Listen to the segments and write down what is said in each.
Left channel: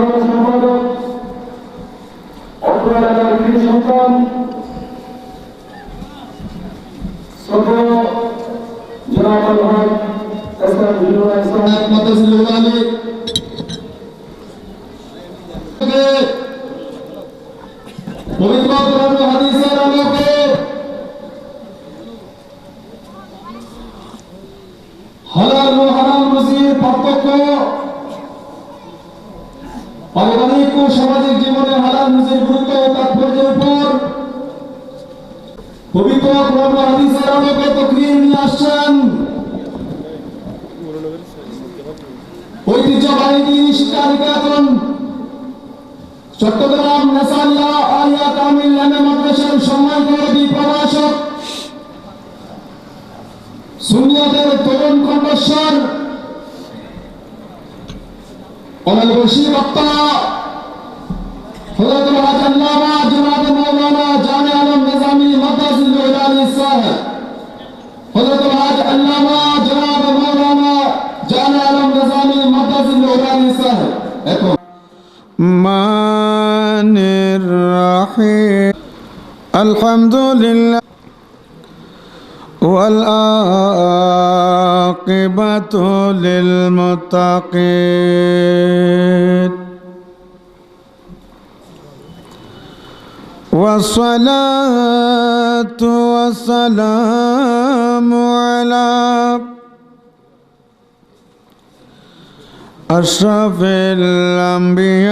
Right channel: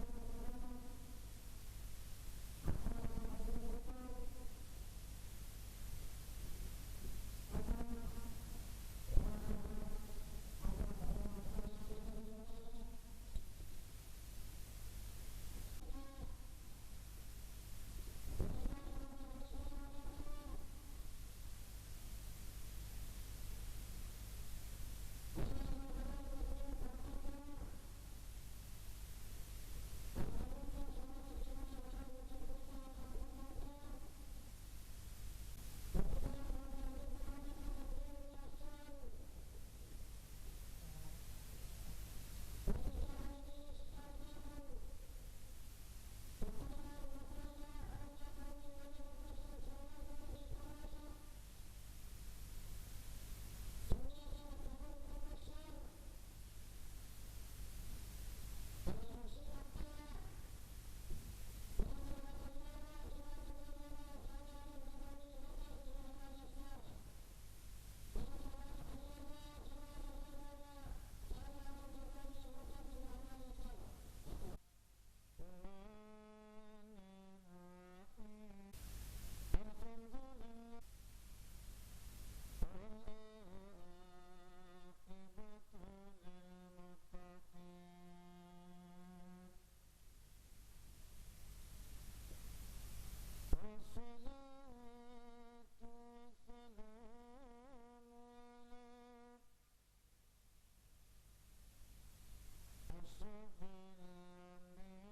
Thank you. Chittagong নেসালিয়া Alia Tamil নামে মাদ্রাসার সম্মানিত প্রভাষক সুনিয়াদের তরুণ কণ্ঠস্বর অনেক বসি বক্তা হজরতুল الرحيم. الحمد لله والعاقبة للمتقين. والصلاة والسلام على أشرف الأنبياء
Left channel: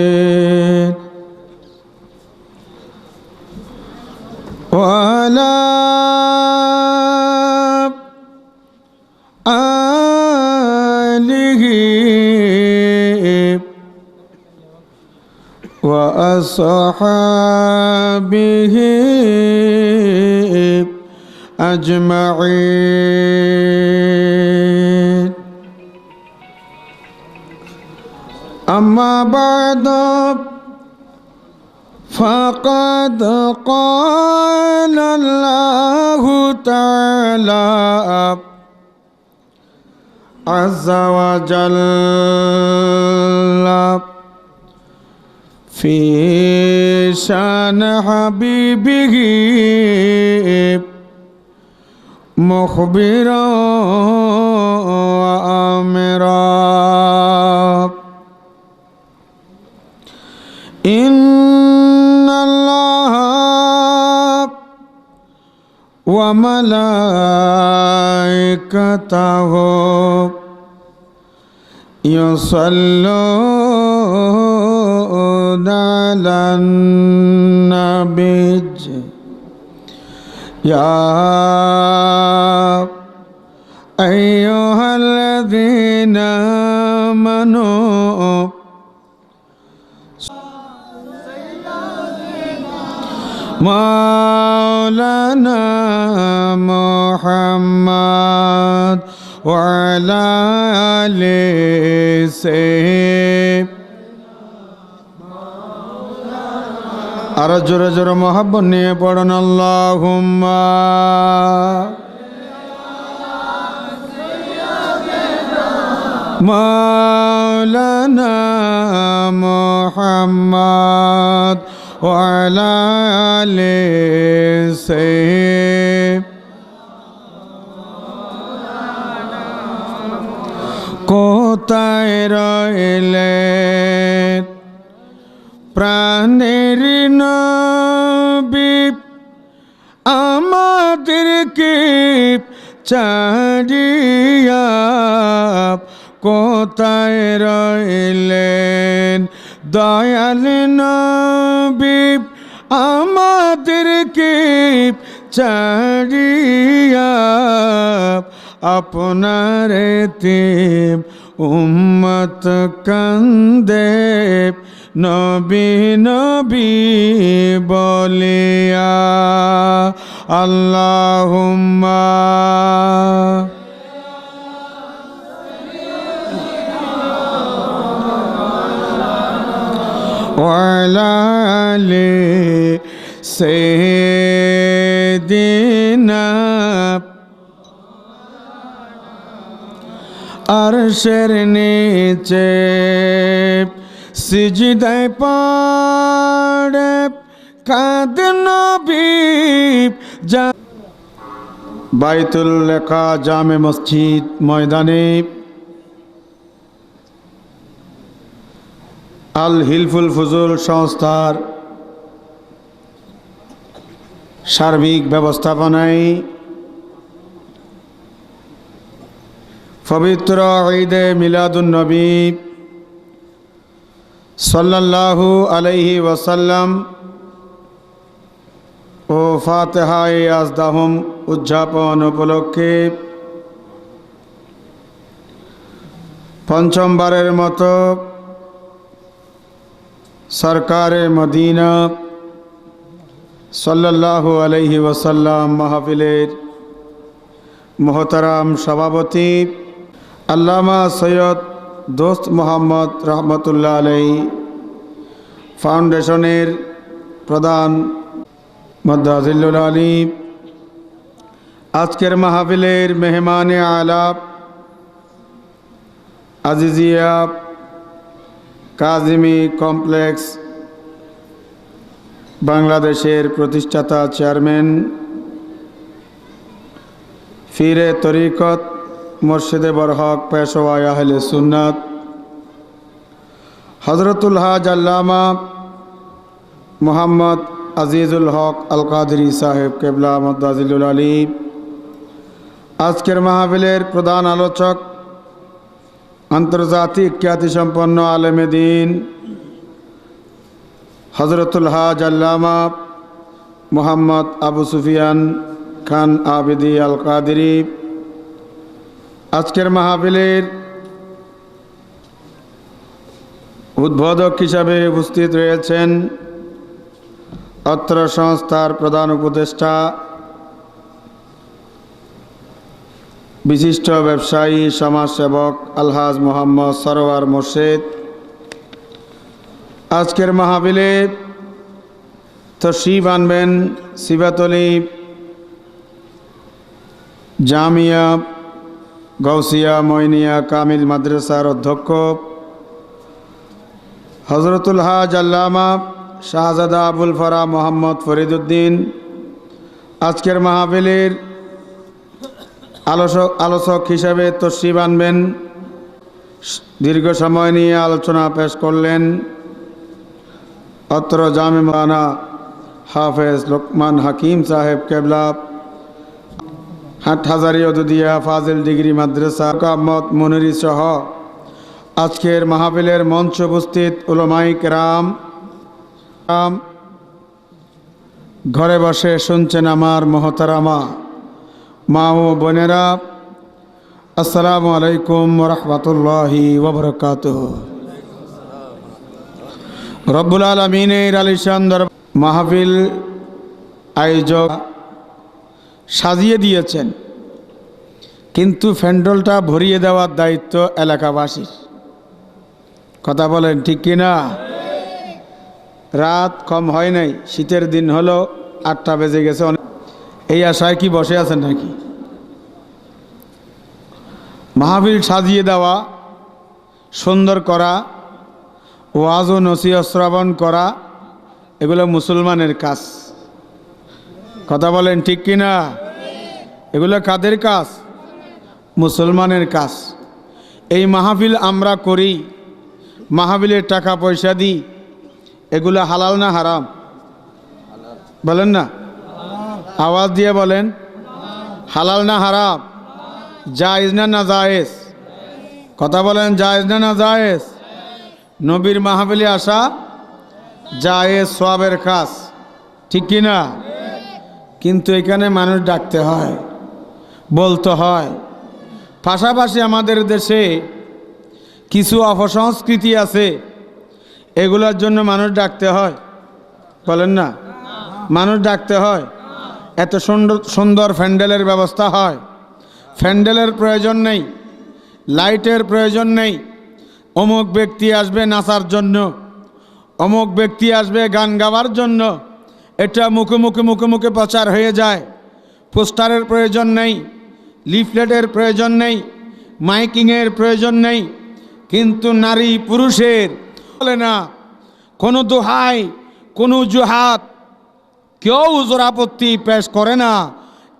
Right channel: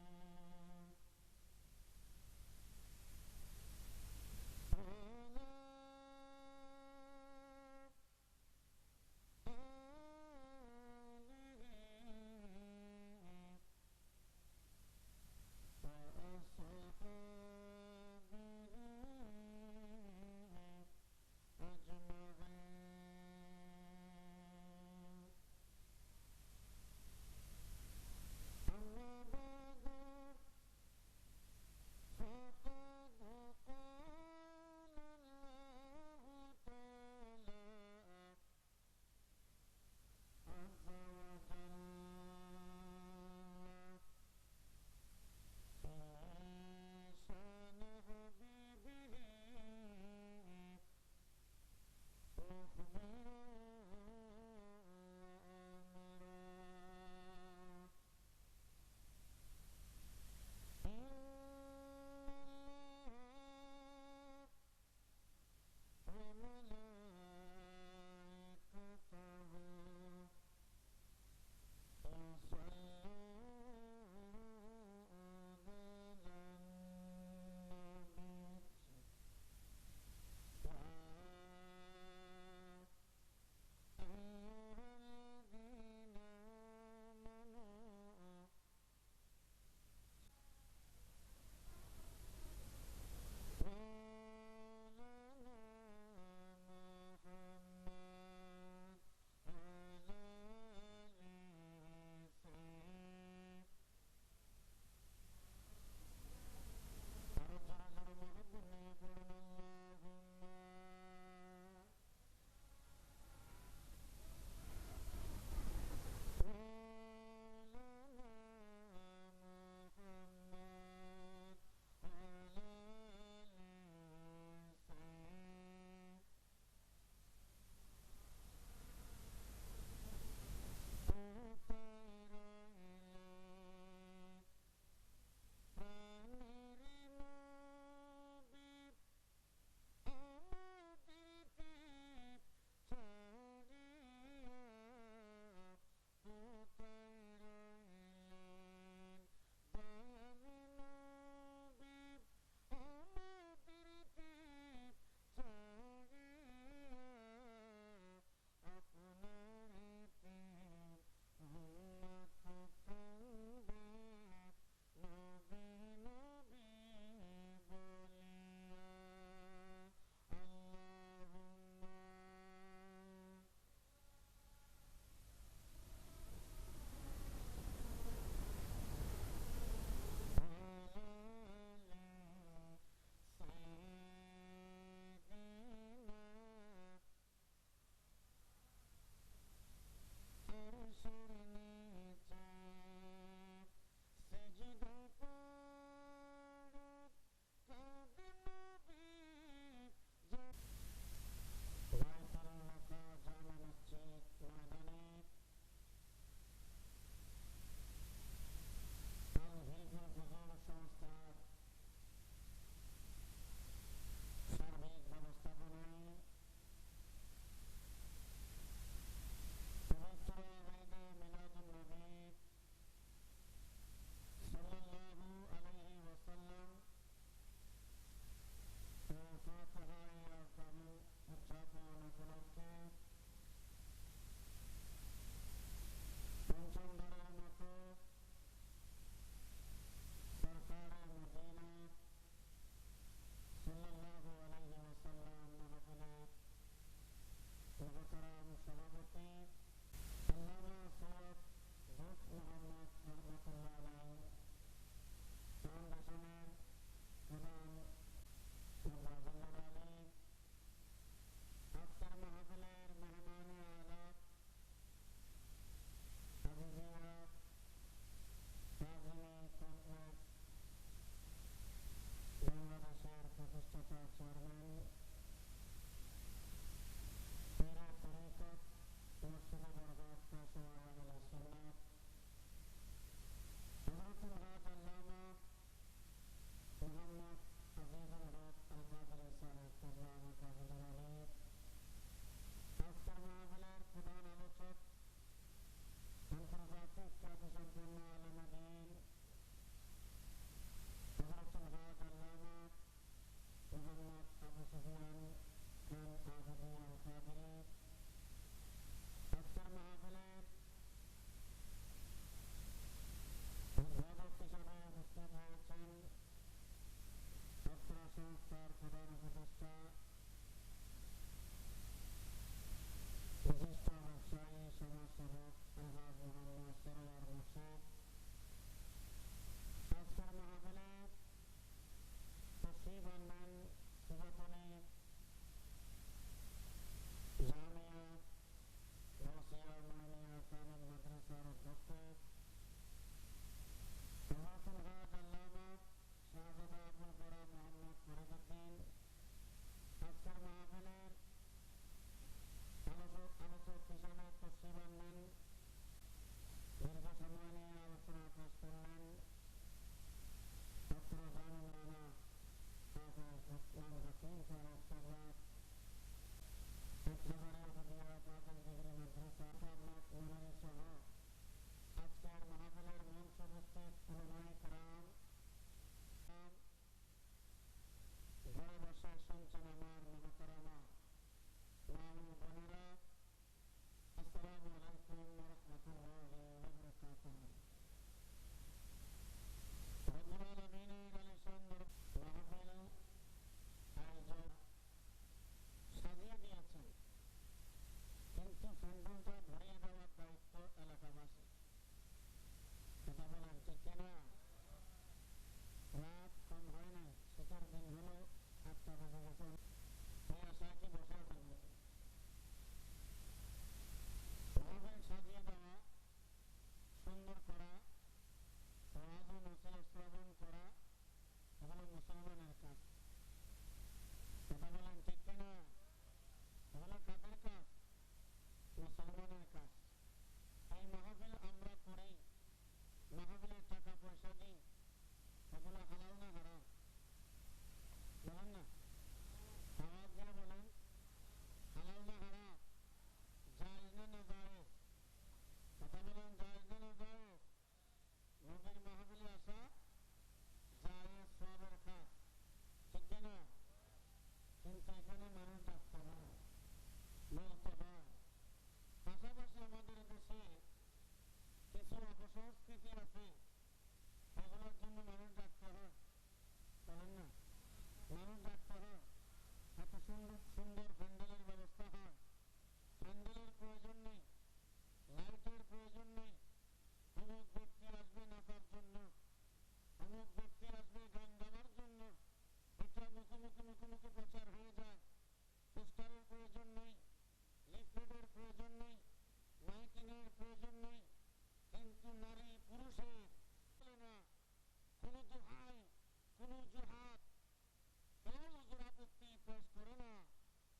والمرسلين وعلى آله وأصحابه أجمعين. أما بعد فقد قال الله تعالى عز وجل في شأن حبيبه. مخبرا وأمرا. إن الله وملائكته يصلون على النبي. يا أيها الذين آمنوا مولانا محمد وعلى آله سيد আর জোরে জোরে মহাব্বত নিয়ে পড়ুন আল্লাহুম্মা مولانا محمد وعلى آل سيد কোথায় রইলেন প্রাণের নবী আমাদেরকে চারিয়া কোথায় রইলেন? দয়াল নবী আমাদেরকে চারিয়া আপনার তিব উম্মত কান্দে। নবী নবী বলিয়া আল্লাহুম্মা وعلى آل سيدنا আরশের নিচে সিজদায় পড়ে কাদ নবী বাইতুল লেখা জামে মসজিদ ময়দানে আল হিলফুল ফুজুল সংস্থার সার্বিক ব্যবস্থাপনায় পবিত্র ঈদে মিলাদুন্নবী সাল্লাল্লাহু আলাইহি ওয়াসাল্লাম ও ফাতেহায় আজদাহম উদযাপন উপলক্ষে পঞ্চমবারের মতো সরকারে মদিনা সাল্লাল্লাহু আলাইহি ওয়াসাল্লাম মাহফিলের মোহতারাম সভাপতি আল্লামা সৈয়দ দোস্ত মোহাম্মদ রহমতুল্লাহ আলাই ফাউন্ডেশনের প্রধান মদাজিল্লুল আলী আজকের মাহফিলের মেহমানে আলাপ আজিজিয়া কাজিমি কমপ্লেক্স, বাংলাদেশের প্রতিষ্ঠাতা চেয়ারম্যান ফিরে তরিকত মুর্শিদে বরহক পেশোয়ায় আহলে সুন্নাত হজরতুল হাজ আল্লামা মোহাম্মদ আজিজুল হক আল কাদরি সাহেব কেবলা মদাজিলুল আলী। আজকের মাহফিলের প্রধান আলোচক আন্তর্জাতিক খ্যাতিসম্পন্ন আলেমে দিন হজরতুল হাজ আল্লামা মোহাম্মদ আবু সুফিয়ান খান আবিদি আল কাদিরি আজকের মাহফিলের উদ্বোধক হিসাবে উপস্থিত রয়েছেন অত্র সংস্থার প্রধান উপদেষ্টা বিশিষ্ট ব্যবসায়ী, সমাজসেবক আলহাজ মোহাম্মদ সরোয়ার মোর্শেদ। আজকের মাহফিলে তশিব আনবেন সিবাতলি জামিয়া গৌসিয়া মইনিয়া কামিল মাদ্রাসার অধ্যক্ষ হজরতুল হাজ আল্লামা শাহজাদা আবুল ফরা মোহাম্মদ ফরিদুদ্দিন। আজকের মাহফিলের আলোচক আলোচক হিসাবে তসিব আনবেন। দীর্ঘ সময় নিয়ে আলোচনা পেশ করলেন অত্র জামে মানা হাফেজ লোকমান হাকিম সাহেব কেবলা হাট হাজারি অদুদিয়া ফাজিল ডিগ্রি মাদ্রাসা কামত মনিরি সহ আজকের মাহফিলের মঞ্চ উপস্থিত উলমাই কেরাম। রাম ঘরে বসে শুনছেন আমার মহতারামা। মা ও বোনেরা, আসসালামু আলাইকুম রহমতুল্লাহি ওবরকাত রব্বুল আলমিনের আলিশান মাহফিল আয়োজক সাজিয়ে দিয়েছেন, কিন্তু ফ্যান্ডলটা ভরিয়ে দেওয়ার দায়িত্ব এলাকাবাসীর। কথা বলেন ঠিক কিনা? রাত কম হয় নাই, শীতের দিন হলো আটটা বেজে গেছে, অনেক এই আশায় কি বসে আছেন নাকি? মাহফিল সাজিয়ে দেওয়া, সুন্দর করা, ওয়াজ ও নসিহ শ্রবণ করা, এগুলো মুসলমানের কাজ। কথা বলেন ঠিক কিনা? এগুলো কাদের কাজ? মুসলমানের কাজ। এই মাহফিল আমরা করি মাহফিলের টাকা পয়সা দিই, এগুলো হালাল না হারাম? বলেন না। আওয়াজ দিয়ে বলেন, হালাল না হারাম? জায়েজ না না জায়েজ? কথা বলেন, জায়েজ না না জায়েজ? নবীর মাহফিলে আসা জায়েজ সোয়াবের কাজ, ঠিক কি না? কিন্তু এখানে মানুষ ডাকতে হয়, বলতে হয়। পাশাপাশি আমাদের দেশে কিছু অপসংস্কৃতি আছে, এগুলোর জন্য মানুষ ডাকতে হয়। বলেন না? মানুষ ডাকতে হয়। এত সুন্দর সুন্দর ফ্যান্ডেলের ব্যবস্থা হয়। ফ্যান্ডেলের প্রয়োজন নেই, লাইটের প্রয়োজন নেই। অমুক ব্যক্তি আসবে নাচার জন্য, অমুক ব্যক্তি আসবে গান গাওয়ার জন্য। এটা মুখে মুখে মুখে মুখে প্রচার হয়ে যায়। পোস্টারের প্রয়োজন নেই, লিফলেটের প্রয়োজন নেই, মাইকিংয়ের প্রয়োজন নেই। কিন্তু নারী পুরুষের বলে না, কোনো দোহাই, কোনো জুহাত কেউ ওজরাপত্তি পেশ করে না,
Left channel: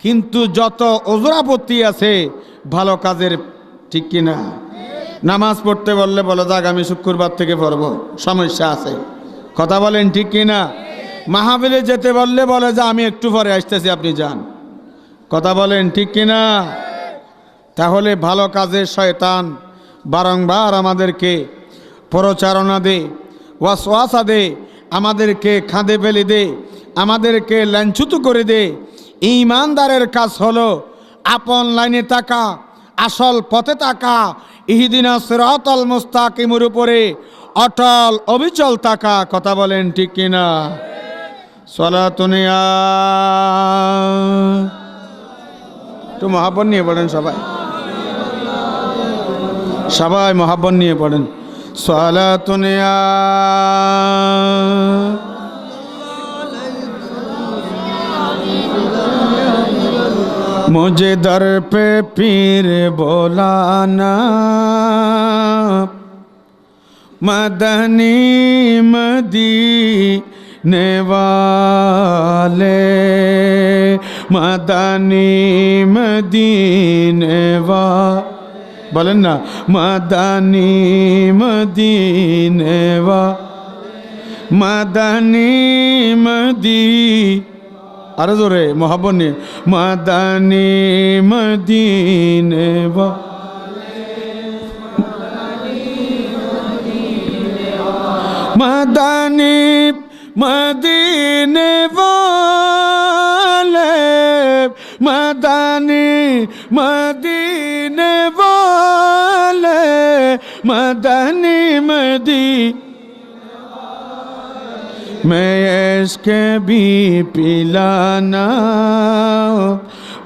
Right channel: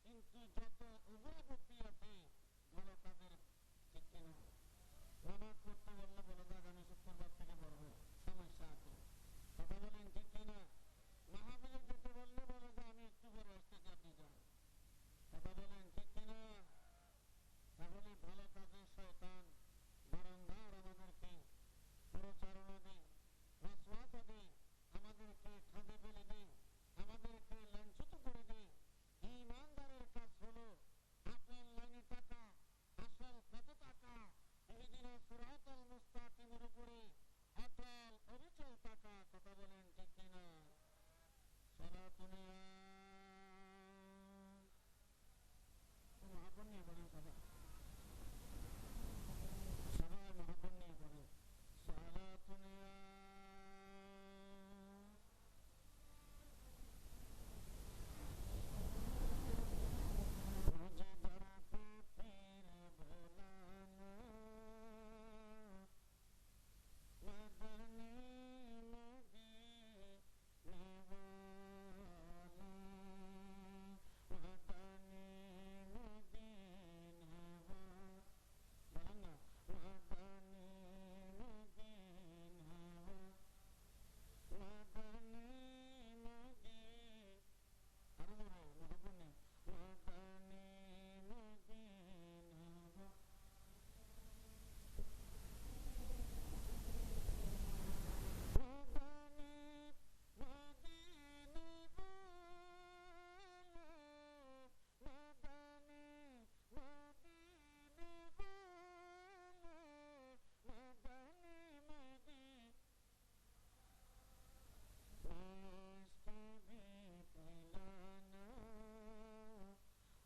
কিন্তু যত ওজরাপত্তি আছে, ভালো কাজের ঠিক কিনা। নামাজ পড়তে বললে বলো যে আগামী শুক্রবার থেকে পড়ব, সমস্যা আছে। কথা বলেন ঠিক কিনা? মাহাবিলে যেতে বললে বলে, যে, আমি একটু পরে আসতেছি, আপনি যান। কথা বলেন ঠিক কিনা? তাহলে ভালো কাজের শয়তান বারংবার আমাদেরকে প্রচারণা দে, ওয়াসওয়াসা দে আমাদেরকে খাঁদে ফেলে দে, আমাদেরকে লাঞ্ছুত করে দে। ইমানদারের কাজ হলো আপন লাইনে থাকা, আসল পথে থাকা, ইহিদিনা সিরাতাল মুস্তাকিমের উপরে অটল, অবিচল থাকা, কথা বলেন ঠিক কিনা? সলাতুনিয়া একটু মহাব্বত নিয়ে পড়েন সবাই। সবাই মহাব্বত নিয়ে পড়েন। صلاة يا مجھے در پہ پیر بولانا مدنی مدینے والے مدنی مدینے والے۔ বলেন না, মাদানি মদিনে বা মাদানি মদি, আরও জোরে, মহাবন, মাদানি মদিনে বা মাদানি মদিনে মাদানি মদিনে میں اس کے بھی پلانا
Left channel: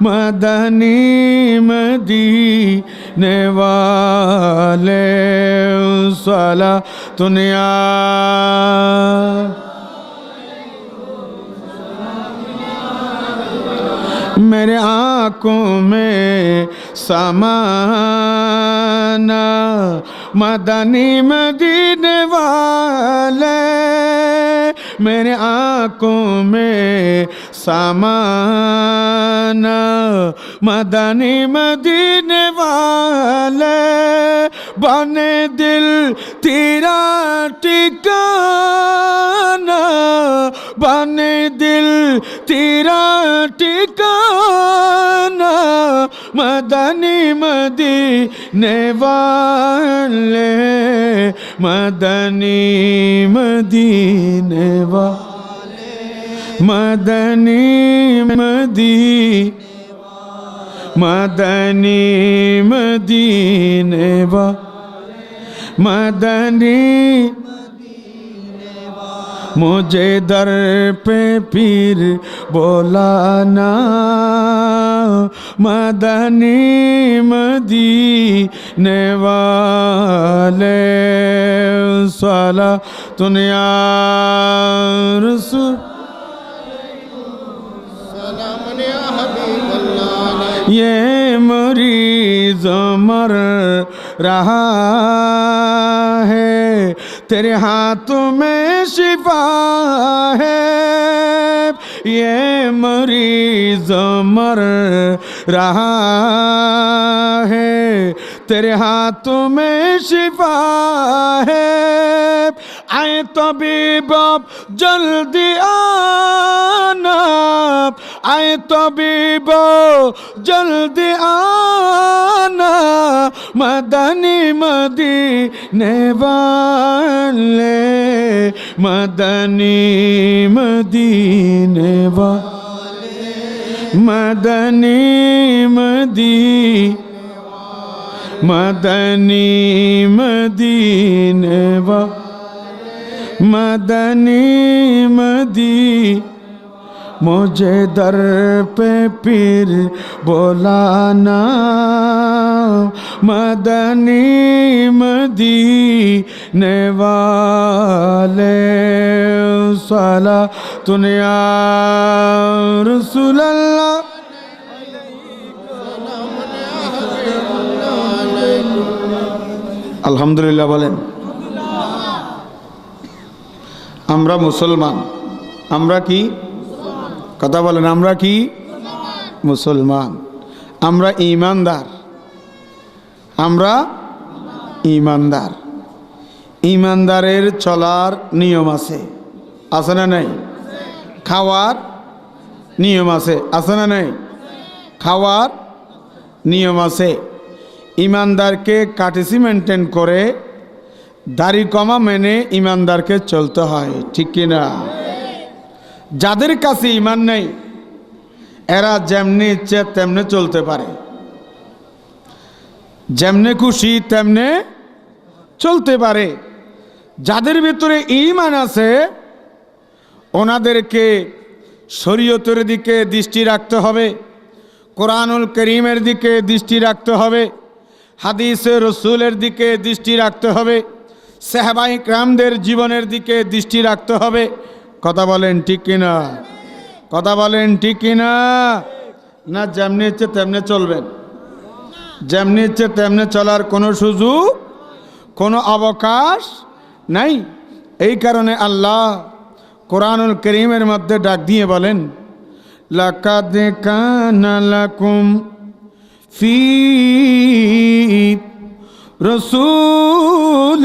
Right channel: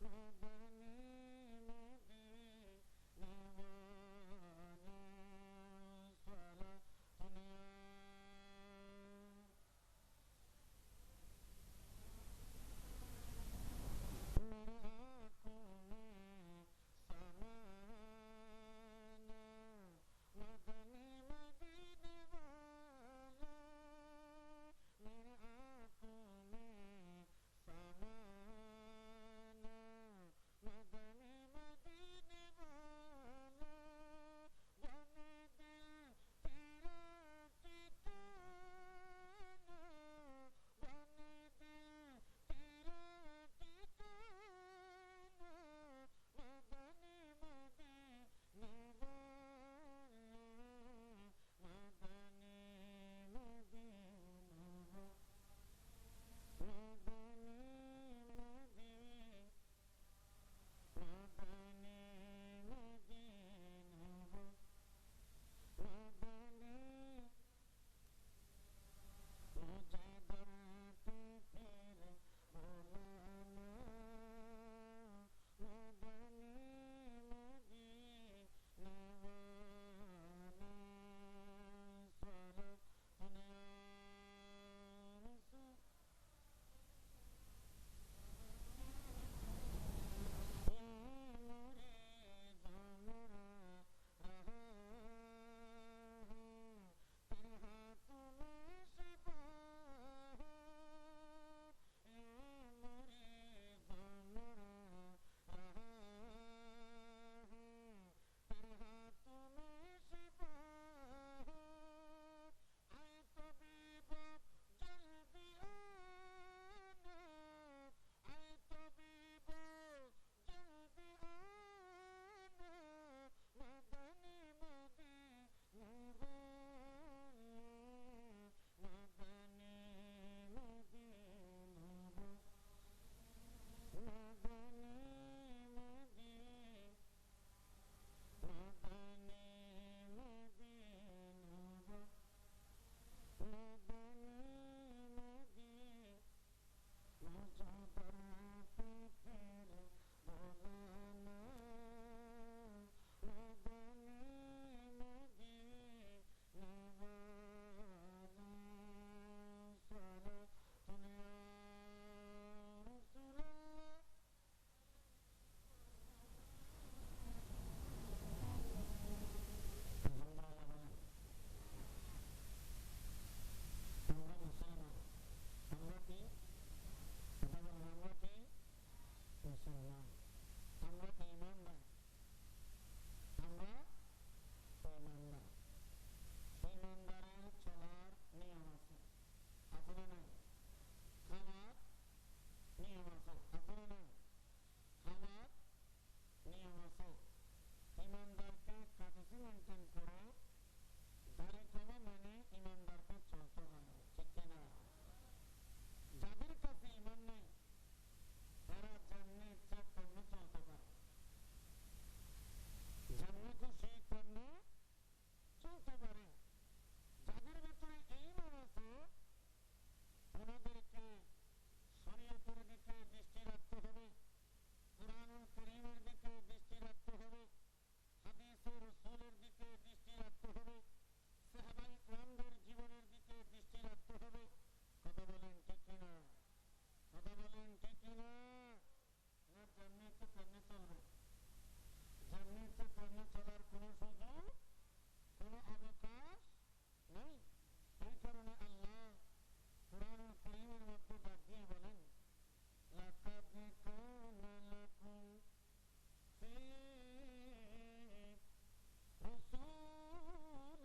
مدنی مدینے والے سالا دنیا میرے آنکھوں میں سمانا مدنی مدینے والے میرے آنکھوں میں سامانا مدنی مدینے والے بنے دل تیرا ٹکانا بنے دل تیرا മദനിമതി നെവാലേ മദനിമതി നെവാ മദനി മദീ മദനി മദീനവാ മദനി مجھے در پہ پیر بولانا مدنی مدینے والے سوالا دنیا رسول۔ یہ مریض مر رہا۔ تیرے ہاتھوں میں شفا ہے۔ یہ مریض مر رہا ہے۔ تیرے ہاتھوں میں شفا ہے۔ آئے طبیب اب جلدی آنا۔ آئے طبیب جلدی آنا۔ मदनी मदीने वाले मदनी मदीने वाले मदनी मदी मदनी मदीने वा मदनी मदी मुझे दर पे पीर बोलाना मदनी मदीने वाले साला दुनिया रसूल अल्लाह আলহামদুলিল্লাহ বলেন আমরা মুসলমান আমরা কি কথা বলেন, আমরা কি? মুসলমান। আমরা ইমানদার। আমরা ইমানদার। ইমানদারের চলার নিয়ম আছে। আছে না নেই? খাওয়ার নিয়ম আছে। আছে না নেই? খাওয়ার নিয়ম আছে। ইমানদারকে কাটিসি মেনটেন করে, দাড়ি কমা মেনে ইমানদারকে চলতে হয়। ঠিক কিনা? যাদের কাছে ইমান নেই, এরা যেমনি ইচ্ছে তেমনি চলতে পারে। যেমনে খুশি তেমনে চলতে পারে। যাদের ভিতরে ইমান আছে, ওনাদেরকে শরীয়তের দিকে দৃষ্টি রাখতে হবে, কোরআনুল করিমের দিকে দৃষ্টি রাখতে হবে, হাদিসে রসুলের দিকে দৃষ্টি রাখতে হবে, সেহবাই ক্রামদের জীবনের দিকে দৃষ্টি রাখতে হবে কথা বলেন ঠিক কিনা? কথা বলেন ঠিক কিনা? না, যেমনি ইচ্ছে তেমনি চলবেন। যেমনি ইচ্ছে তেমনি চলার কোনো সুযোগ, কোনো অবকাশ নাই। এই কারণে আল্লাহ কোরআনুল করিমের মধ্যে ডাক দিয়ে বলেন, লাকাদ কানা লাকুম ফি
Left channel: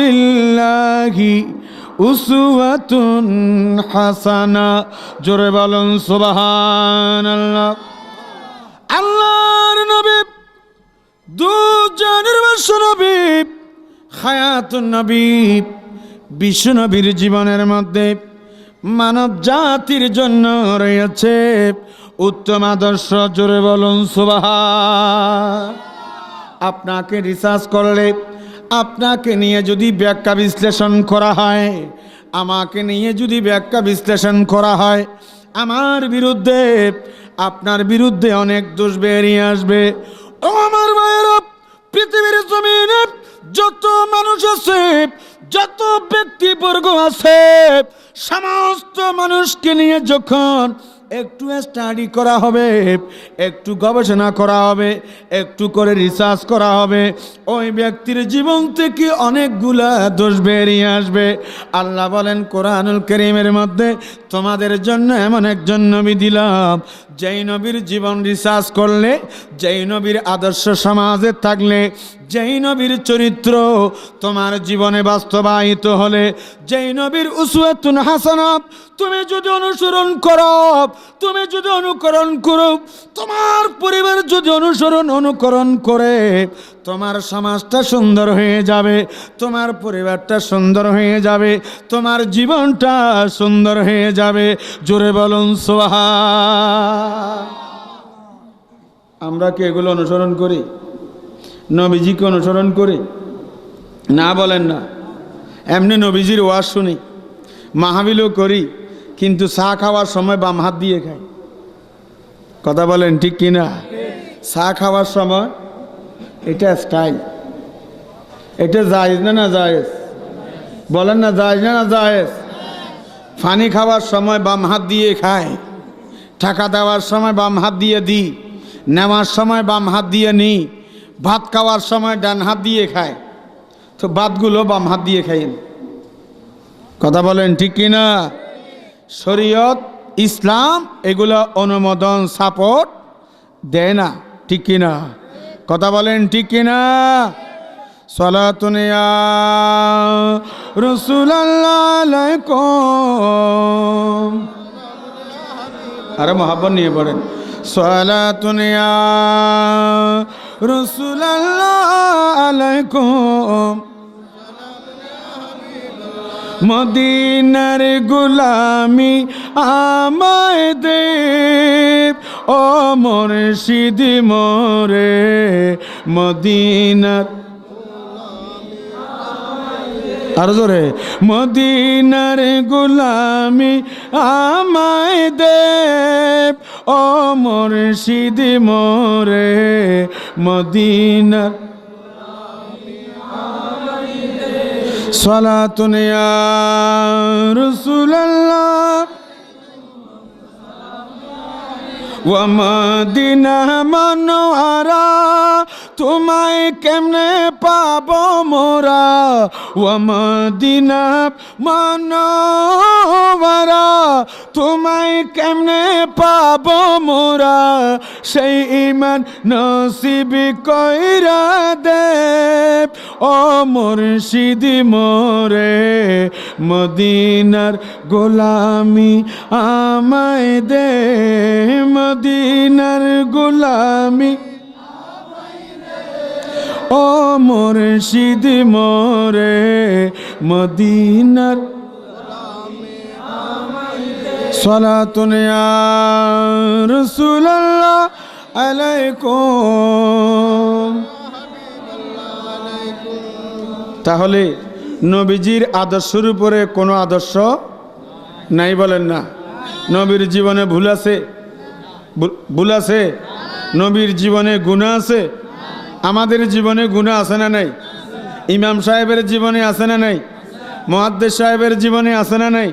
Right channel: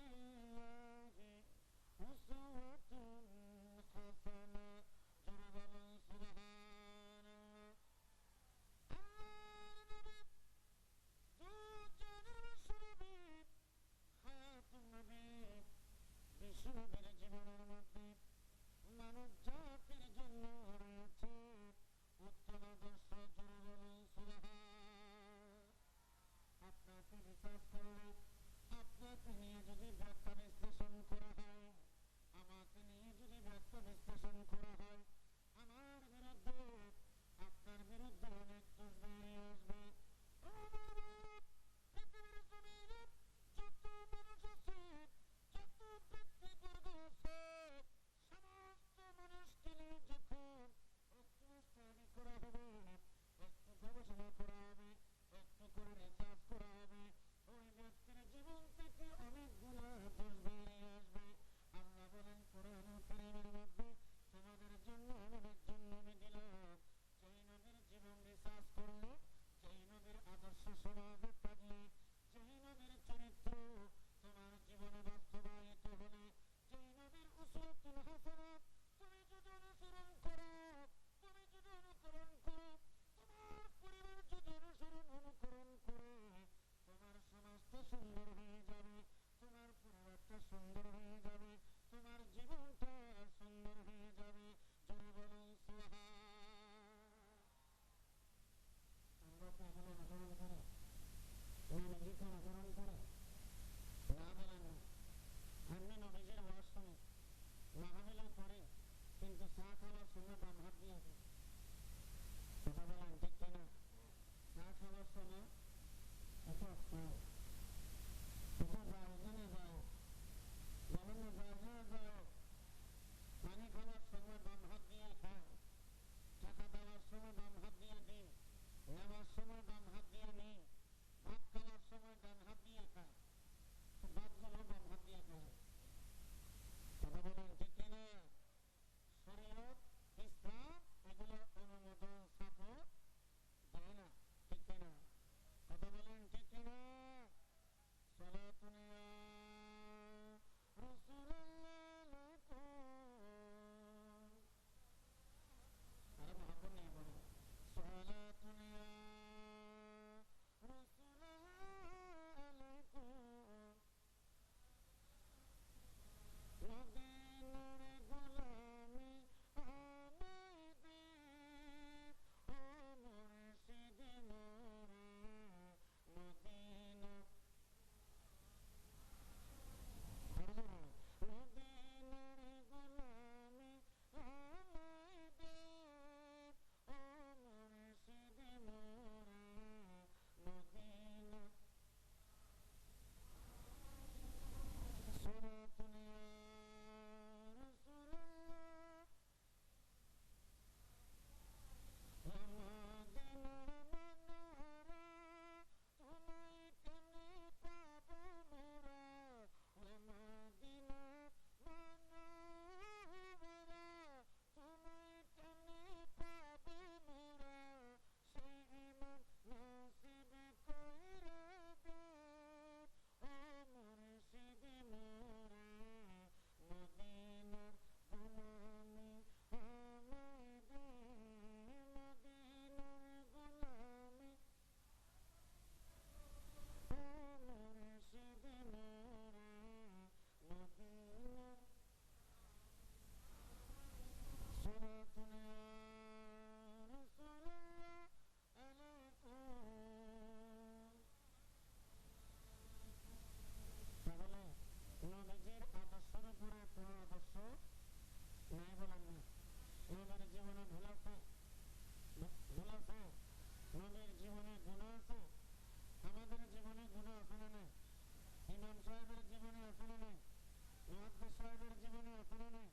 রসুলিল্লাহি উসওয়াতুন হাসানা। জোরে বলুন, সুবহানাল্লাহ। আল্লাহর নবী, দুজনের বর্ষ নবী, হায়াতুন নবী, বিশ্ব নবীর জীবনের মধ্যে মানব জাতির জন্য রয়েছে উত্তম আদর্শ। জোরে বলুন সুবাহা আপনাকে রিসার্চ করলে আপনাকে নিয়ে যদি ব্যাখ্যা বিশ্লেষণ করা হয়, আমাকে নিয়ে যদি ব্যাখ্যা বিশ্লেষণ করা হয়, আমার বিরুদ্ধে, আপনার বিরুদ্ধে অনেক দোষ বেরিয়ে আসবে। ও আমার ভাইয়েরা পৃথিবীর জমিনে যত মানুষ আছে, যত ব্যক্তিবর্গ আছে, সমস্ত মানুষকে নিয়ে যখন একটু স্টাডি করা হবে, একটু গবেষণা করা হবে, একটু করে রিসার্চ করা হবে। ওই ব্যক্তির জীবন থেকে অনেকগুলা দোষ বেরিয়ে আসবে। আল্লাহ বলেন, কোরআনুল করিমের মধ্যে তোমাদের জন্য এমন একজন নবী দিলাম যেই নবীর জীবন রিসার্চ করলে, যেই নবীর আদর্শ সমাজে থাকলে, যেই নবীর চরিত্র তোমার জীবনে বাস্তবায়িত হলে, যেই নবীর উসুয়াতুন হাসানাব তুমি যদি অনুসরণ করো, তুমি যদি অনুকরণ করো, তোমার পরিবার যদি অনুসরণ, অনুকরণ করে তোমার সমাজটা সুন্দর হয়ে যাবে, তোমার পরিবারটা সুন্দর হয়ে যাবে, তোমার জীবনটা সুন্দর হয়ে যাবে। জোরে বলুন সোহা আমরা কি এগুলো অনুসরণ করি? নবীজিকে অনুসরণ করি? না বলেন না। এমনি নবীজির ওয়াজ শুনি, মাহাবিলও করি, কিন্তু চা খাওয়ার সময় বাম হাত দিয়ে খাই। কথা বলেন ঠিক কিনা? চা খাওয়ার সময় এটা স্টাইল। এটা জায়েজ না না জায়েজ? বলেন না জায়েজ না না জায়েজ? পানি খাওয়ার সময় বাম হাত দিয়ে খায়, টাকা দেওয়ার সময় বাম হাত দিয়ে দিই, নেওয়ার সময় বাম হাত দিয়ে নিই, ভাত খাওয়ার সময় ডান হাত দিয়ে খায়। তো ভাতগুলো বাম হাত দিয়ে খাইন কথা বলেন ঠিক কিনা শরীয়ত, ইসলাম এগুলো অনুমোদন, সাপোর্ট দেয় না, ঠিক কিনা কথা বলেন ঠিক কিনা? আরে মহাব্বত নিয়ে পড়েন। সলাতুনিয়া মদিনার গুলামি আমায় দেব ও মুর্শিদ মোরে মদিনার আরও জোরে, মদিনার গুলামি আমায় দেব। ও মুর্শিদ মোরে মদিনার সালাতুন ইয়া ওয়া মদিনা মনোয়ারা তোমায় কেমনে পাব মোরা? ও মদিনা মনোবরা তোমায় কেমনে পাব মোরা? সেই ইমান নসিব কইরা দেব ও মুর্শিদ মোরে, মদিনার গোলামি আমায় দে। মদিনার গোলামি ও মুর্শিদ মোরে মদিনার সালাতুন রাসূলুল্লাহ আলাইকুম। তাহলে নবীজির আদর্শের উপরে কোনো আদর্শ নাই বলেন না। নবীর জীবনে ভুল আছে? ভুল আছে? নবীর জীবনে গুণা আছে? আমাদের জীবনে গুণা আছে না নাই? ইমাম সাহেবের জীবনে আছে না নাই? মহাদ্দেশ সাহেবের জীবনে আছে না নাই?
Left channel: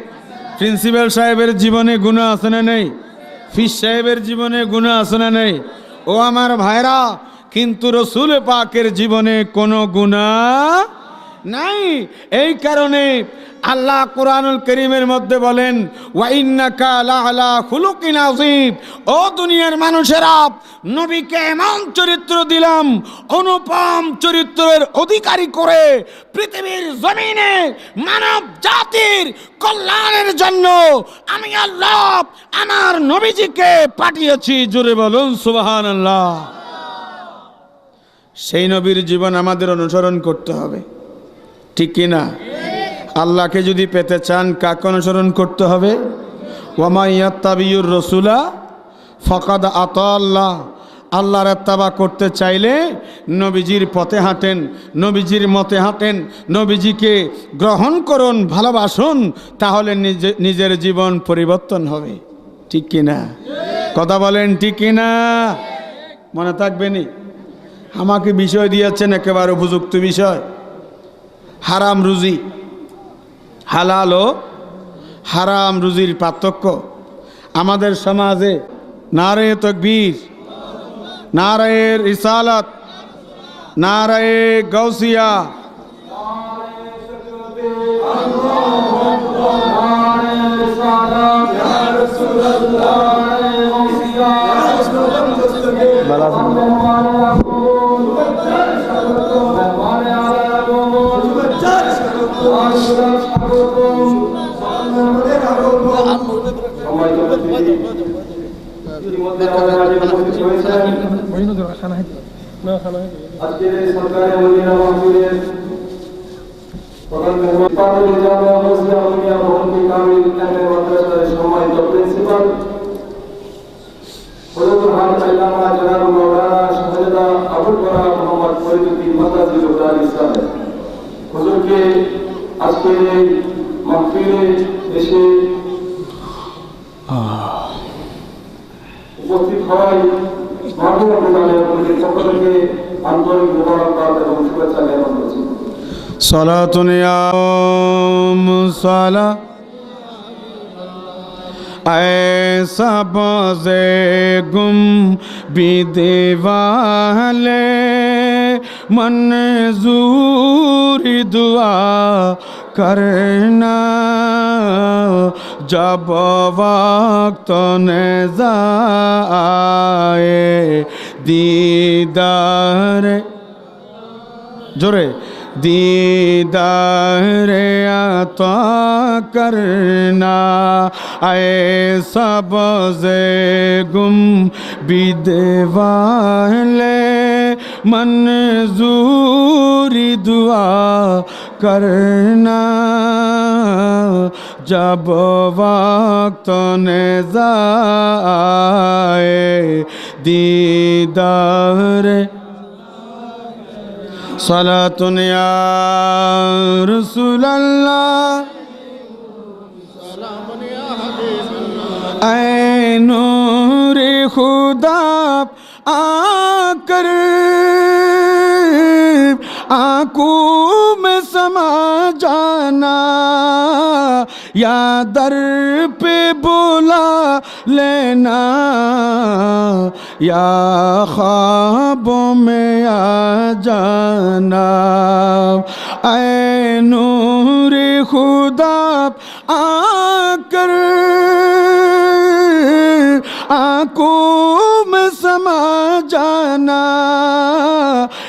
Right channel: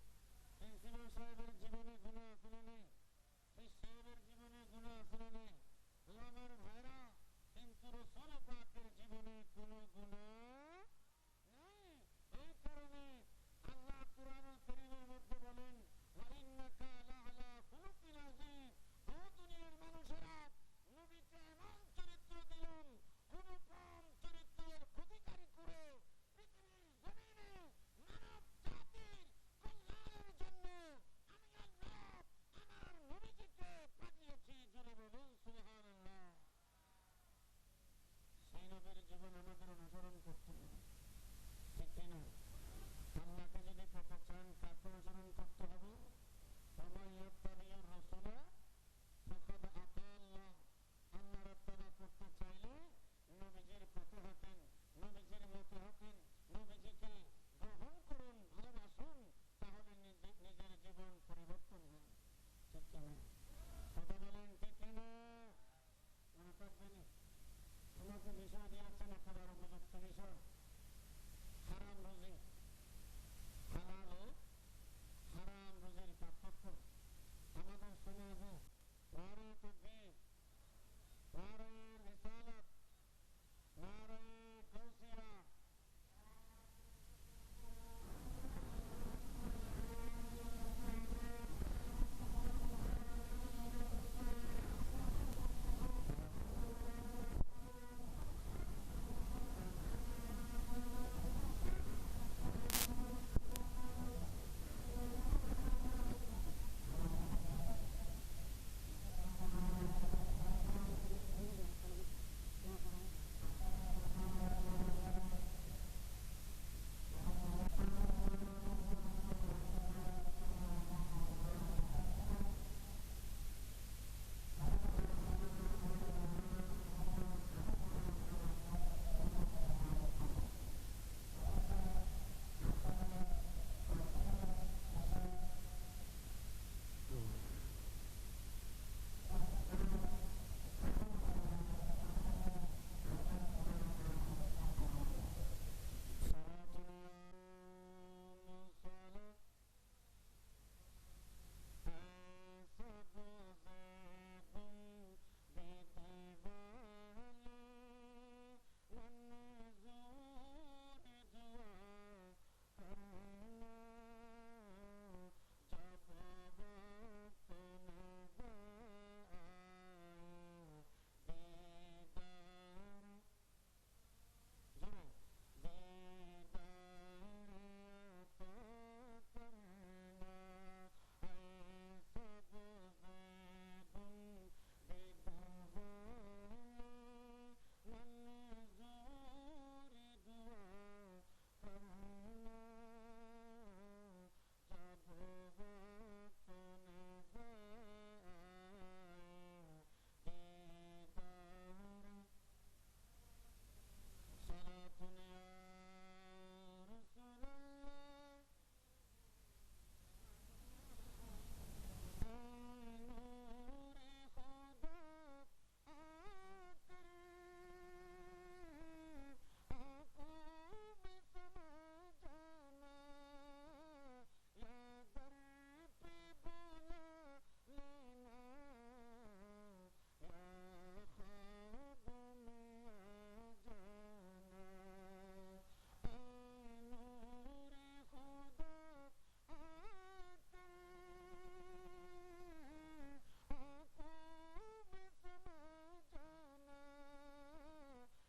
প্রিন্সিপাল সাহেবের জীবনে গুণা আছে না নাই? ফিস সাহেবের জীবনে গুণা আছে না নাই? ও আমার ভাইরা, কিন্তু রসুল পাকের জীবনে কোনো গুণা নাই। এই কারণে আল্লাহ কোরআনুল করিমের মধ্যে বলেন ও দুনিয়ার মানুষেরা, নবীকে এমন চরিত্র দিলাম, অনুপম চরিত্রের অধিকারী করে পৃথিবীর জমিনে মানব জাতির কল্যাণের জন্য আমি আল্লাহ আমার নবীজিকে পাঠিয়েছি। জোরে বলুন, সুবহানাল্লাহ। সেই নবীর জীবন আমাদের অনুসরণ করতে হবে। ঠিক কি না? আল্লাহকে যদি পেতে চান, কাকে অনুসরণ করতে হবে? ওয়ামাইয়াত্তাবিউর রসুলা ফকাদ আত আল্লাহ আল্লাহর এত্তাবা করতে চাইলে নবীজির পথে হাঁটেন, নবীজির মতে হাঁটেন, নবীজিকে গ্রহণ করুন, ভালোবাসুন, তাহলে নিজে, নিজের জীবন পরিবর্তন হবে। ঠিক কি না? কথা বলেন ঠিক কি না? মনে থাকবেনি আমাকে বিষয় দিয়েছেন, একেবারে উপযুক্ত বিষয়। হারাম রুজি। হালাল ও হারাম রুজির পার্থক্য। আমাদের সমাজে নারে তকবীর নারায়ের ইসালত নারায়ে গৌসিয়া আজকের এই সরকারি মদিনা মাহফিলের প্রধান মেহমান জামিয়া মসজিদ আলমিয়া ভবনটি কামিল এমএ মাদ্রাসার সম্মানিত প্রিন্সিপাল হযরতুল হাফেজ আল্লামা জনাব মাওলানা শাহজাদা আবুল কালাম মোহাম্মদ ফরিদুদ্দিন মাদাজিল উদ্দার ইসলাম হুজুরকে আজকের এই মাহফিলে এসে উপস্থিত হওয়ায় মাহবুব আব্দুল্লাহ পক্ষ থেকে আন্তরিক মোবারকবাদ करना जब वक्त नजा आए दीदार जोरे दीदार आता करना आए सब से गुम विदेवाले मंजूरी दुआ करना जब वक्त ने जाए दीदार सला तुनिया रसूल नूर खुदा आकर आकू یا در پہ بلا لینا یا خوابوں میں آ جانا۔ اے نور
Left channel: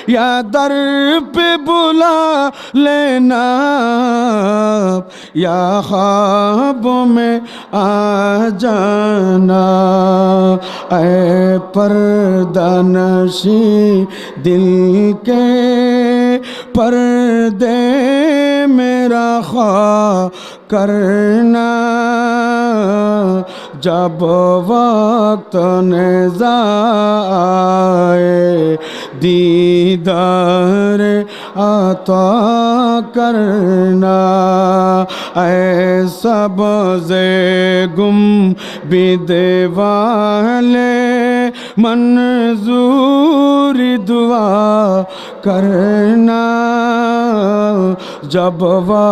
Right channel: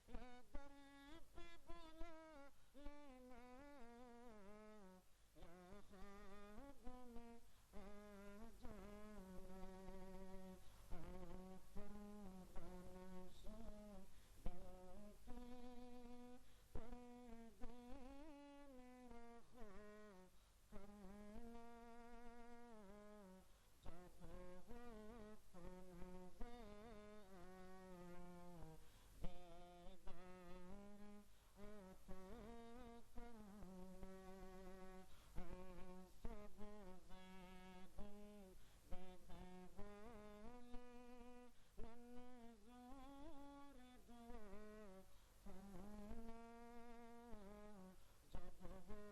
یا در پہ بلا لینا یا خواب میں آ جانا۔ اے پردہ نشی، دل کے پردے میرا خواب کرنا۔ جب وقت نزا آئے دیدار عطا کرنا اے سب زے گم بدیوالے منظور دعا کرنا جب وا